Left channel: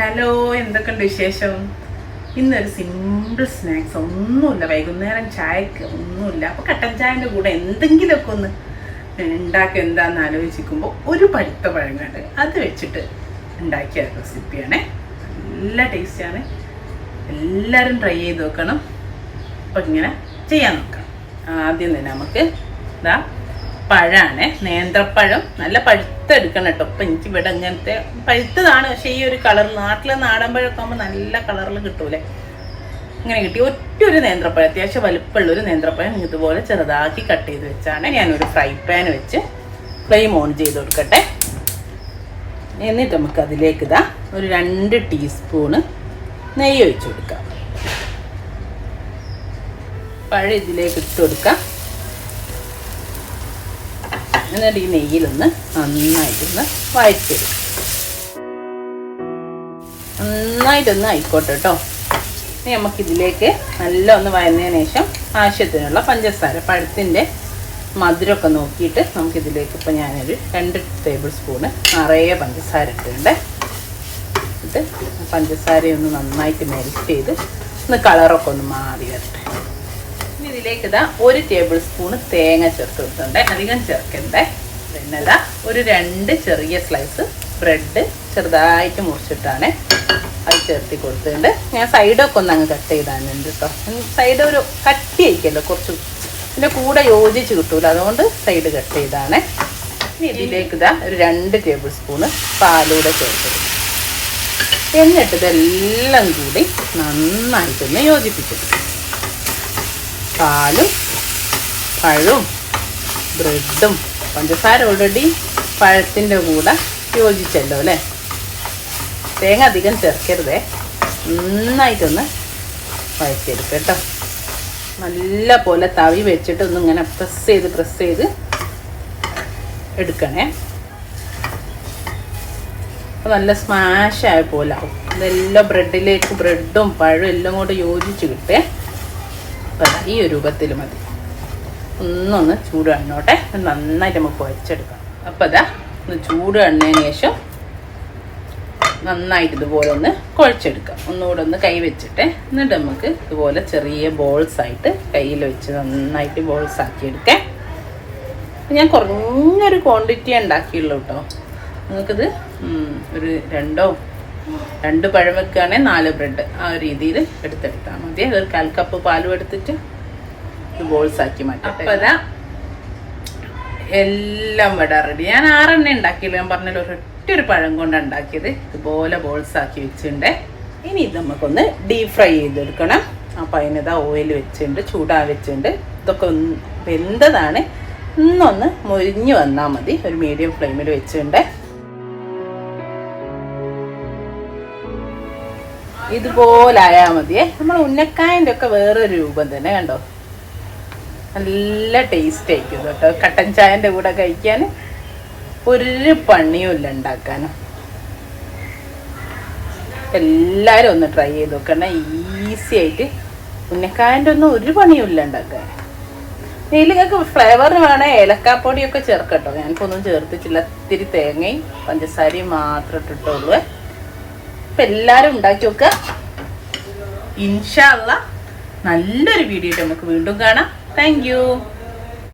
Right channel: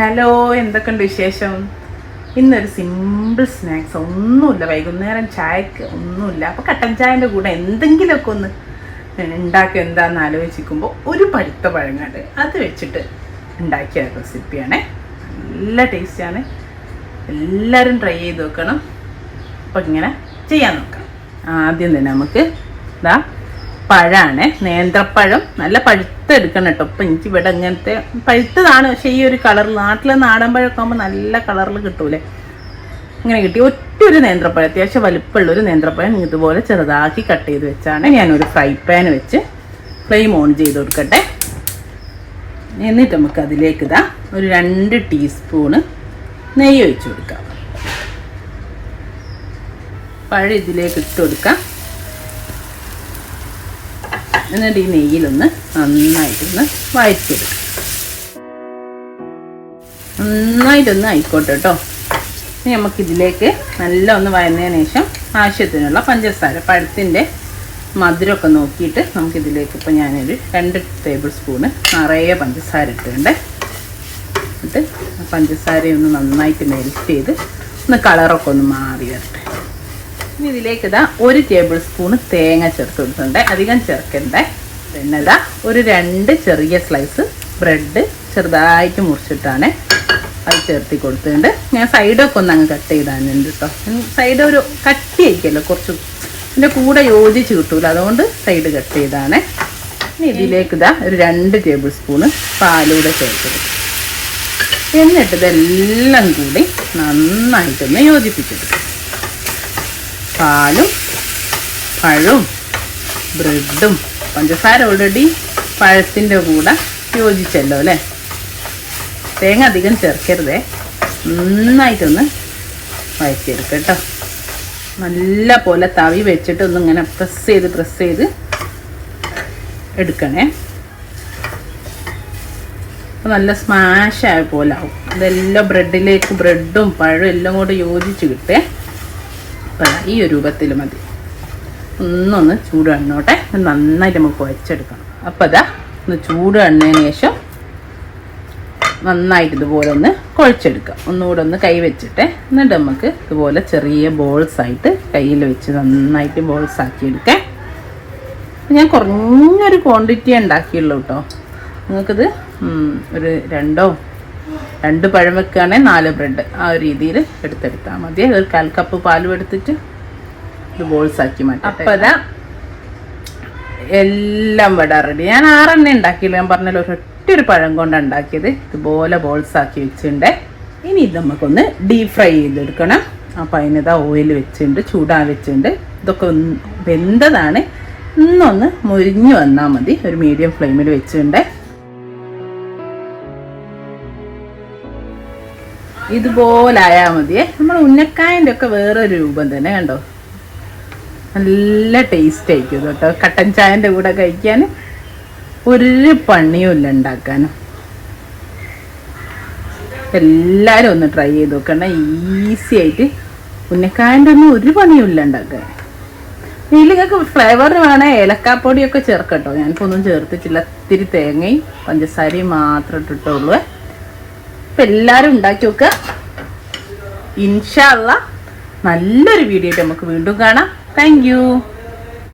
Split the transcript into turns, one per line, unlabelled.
Hello എന്തൊക്കെയുണ്ട് വിശേഷം? ഇന്നൊരു സിമ്പിൾ സ്നാക്സ് ഒന്നുമില്ല. വൈകുന്നേരം ചായക്ക് ഒന്നുമില്ല. അപ്പോൾ കട്ടൻ ചായന്റെ കൂടെ എന്തെങ്കിലുമൊക്കെ ഒന്ന് ഉണ്ടാക്കി എന്താണെന്ന് ആലോചിക്കുമ്പോൾ ഒരു പഴുത്ത പഴങ്ങാണ്ട് അത് വെച്ചിട്ട് ഉണ്ടാക്കിയ റെസിപ്പിയാണ് നല്ല ടേസ്റ്റാണ് എല്ലാവരും ട്രൈ ചെയ്ത് നോക്കണം. അപ്പോൾ ഇങ്ങനെ ചെയ്യാൻ നോക്കാം. ആദ്യം തന്നെ നമുക്ക് ഇതാ പഴമാണ് നേന്ത്രപ്പഴം. നല്ല പഴുത്തെടുക്കണം കേട്ടോ. ഇപ്പം എനിക്ക് ഇവിടെ ഇങ്ങനത്തെ പഴുത്തതാണ്. പക്ഷേ ഈ ഒരു കളർ നാട്ടിലെ നാടൻ പഴമൊക്കെ ആകുമ്പോൾ നല്ല കളറിൽ കിട്ടൂലേ. ഇങ്ങനെ കിട്ടി. ഒറ്റ ഒരു നേന്ത്രപ്പഴം. അത്യാവശ്യം വലുപ്പമുള്ള ഒരു നേന്ത്രപ്പഴം ഇതുപോലെ ചെറുതാക്കി കട്ട് ചെയ്ത് വെച്ചാണ് ഞാനൊരു ഫ്രൈ പാൻ വെച്ച് ഫ്ലെയിം ഓൺ ചെയ്ത് കൊടുക്കട്ടെ. എന്നിട്ട് നമുക്ക് അതിലേക്ക് ഇതാ ഒരു രണ്ട് ടീസ്പൂണ് നെയ്യ് ഒഴിച്ചു കൊടുക്കാം. പഴം ഇതിലേക്ക് ഇട്ട് കൊടുക്കാം. എന്നിട്ട് ഈ നെയ്യിലൊന്ന് നന്നായിട്ടൊന്ന് വഴറ്റിയെടുക്കാം നന്നായിട്ടൊന്ന് ആയിക്കോട്ടെ കേട്ടോ ഇനി നമുക്കിതിലേക്ക് നല്ല ഒന്ന് വഴന്നതിന് ശേഷം ആവശ്യത്തിനുള്ള പഞ്ചസാര പഴത്തിന്റെ മധുരമൊക്കെ നോക്കിയിട്ട് നമുക്കിതിലേക്ക് ഇപ്പം ഞാനൊരു രണ്ട് ടേബിൾ സ്പൂണ് നിറയെ പഞ്ചസാര ഇട്ടിട്ടുണ്ട്. എന്നിട്ട് പഞ്ചസാരയൊന്ന് നന്നായിട്ട് മെൽറ്റ് ചെയ്ത് ഒന്ന് കളറൊക്കെ ഒന്ന് മാറി വരട്ടെ ഇനി ഇതിലേക്ക് ഇതാ ഒരു ടേബിൾ സ്പൂൺ തേങ്ങ ചേർത്ത് കൊടുക്കുന്നുണ്ട് അധികം ചേർക്കണ്ടേ. പിന്നെ ഇതാ ഒരു രണ്ട് ചെറിയ സ്ലൈസ് ബ്രെഡ് ചെറുതായിട്ട് മുറിച്ചിട്ടാണ് അത് ചേർത്തി കൊടുത്തിട്ടുണ്ട്. ഞാൻ സൈഡൊക്കെ ഒന്ന് അങ്ങ് കട്ട് ചെയ്താനുണ്ട് കേട്ടോ സൈഡ് ഒരു കട്ടി കുറച്ച്. ഇതിന്റെ കൂടെ യോജിച്ച് കിട്ടൂല. അതുകൊണ്ട് സൈഡ് കട്ട് ചെയ്താണ്. ഇതിലേക്ക് ഇതാ ഒരു രണ്ട് ടേബിൾ സ്പൂണ് പാലൂടെ ചേർത്ത് എന്നിട്ട് ഇതെല്ലാം കൂടി നന്നായിട്ടൊന്ന് യോജിപ്പിച്ചെടുക്കും. പാലും പഴവും ബ്രെഡും പഞ്ചസാര ഓൾറെഡി പഴത്തിന്റെ കൂടെ യോജിച്ചല്ലോ അല്ലേ? തേങ്ങ അധികം ചേർക്കരുതേ. നന്നായിട്ടൊന്ന് വഴറ്റിയെടുക്കുക കേട്ടോ. നല്ല പോലെ തവി വെച്ചിട്ട് ഒന്ന് ഇങ്ങനെ പ്രസ് ചെയ്ത് പ്രസ് ചെയ്ത് എടുക്കണേ. നല്ല സ്മാഷായ പോലെ ആവും. ഇതെല്ലാം ബ്രെഡിലേക്ക് ബ്രെഡും പഴവും എല്ലാം കൂടെ യോജിച്ച് കിട്ടേ. ഈ ഒരു രൂപത്തിൽ മതി. ഒന്നൊന്ന് ചൂട് എണ്ണോട്ടെ നന്നായിട്ട് നമുക്ക് വച്ചെടുക്കാം അപ്പോൾ അതാ ഒന്ന് ചൂട് എണ്ണതിന് ശേഷം നന്നായിട്ട് ഇതുപോലെ ഒന്ന് കുഴച്ചെടുക്കുക ഒന്നുകൂടെ ഒന്ന് കൈ വെച്ചിട്ട്. എന്നിട്ട് നമുക്ക് ഇതുപോലെ ചെറിയ ബോൾസ് ആയിട്ട് കയ്യിൽ വെച്ച് നന്നായിട്ട് ബോൾസ് ആക്കി എടുക്കാം ഞാൻ കുറഞ്ഞൊരു ക്വാണ്ടിറ്റി ഉണ്ടാക്കിയുള്ളൂ കേട്ടോ നിങ്ങൾക്കിത് ഒരു രണ്ടോ രണ്ട് പഴം വെക്കുകയാണെങ്കിൽ നാല് ബ്രെഡ്. ആ ഒരു രീതിയിൽ എടുത്തെടുത്താൽ മതി. ഒരു കാൽ കപ്പ് പാലും എടുത്തിട്ട് ഇത് ബോൾസ് ആക്കി മാറ്റി. അപ്പം അതാ എല്ലാം വട റെഡി ഞാൻ ആറെണ്ണ ഉണ്ടാക്കിയില്ല. ഞാൻ പറഞ്ഞല്ലോ ഒരൊറ്റ ഒരു പഴം കൊണ്ടാണ് ഉണ്ടാക്കിയത്. ഇതുപോലെ ബോൾസ് ആക്കി വെച്ചിട്ടുണ്ട്. ഇനി ഇത് നമുക്കൊന്ന് ഡീപ് ഫ്രൈ ചെയ്തെടുക്കണം. അപ്പം അതിനിതാ ഓയിൽ വെച്ചിട്ടുണ്ട് ചൂടാൻ വെച്ചിട്ടുണ്ട്. ഇതൊക്കെ ഒന്ന് വെന്തതാണ്. ഇന്നൊന്ന് മുരിഞ്ഞു വന്നാൽ മതി. ഒരു മീഡിയം ഫ്ലെയിമിൽ വെച്ചിട്ടുണ്ട്. ഇതുപോലെ ആയാൽ മതിയേ നമ്മൾ ഉന്നക്കായന്റെ ഒക്കെ വേറൊരു രൂപം തന്നെ കണ്ടോ? നല്ല ടേസ്റ്റ് ആയിരിക്കും കേട്ടോ. കട്ടൻ ചായന്റെ കൂടെ കഴിക്കാൻ ഒരു പണിയും ഇല്ല ഉണ്ടാക്കാനും എല്ലാവരും ഒന്ന് ട്രൈ ചെയ്ത് നോക്കണം. ഈസി ആയിട്ട് ഉന്നക്കായന്റെ ഒന്നും ഒരു പണിയും ഇല്ല ഉണ്ടാക്കാൻ. ഇതിലേക്ക് ഫ്ലേവർ വേണേൽ ഏലക്കാപ്പൊടിയൊക്കെ ചേർക്കട്ടോ. ഞങ്ങൾക്കൊന്നും ചേർത്തിട്ടില്ല. ഇത്തിരി തേങ്ങയും പഞ്ചസാരയും മാത്രം ഇട്ടിട്ടുള്ളൂ. അപ്പം എല്ലാവരും ഉണ്ടാക്കി നോക്കുക ഇൻഷാല്ല നല്ലൊരു വീഡിയോ നമുക്ക് വീണ്ടും കാണാം. താങ്ക്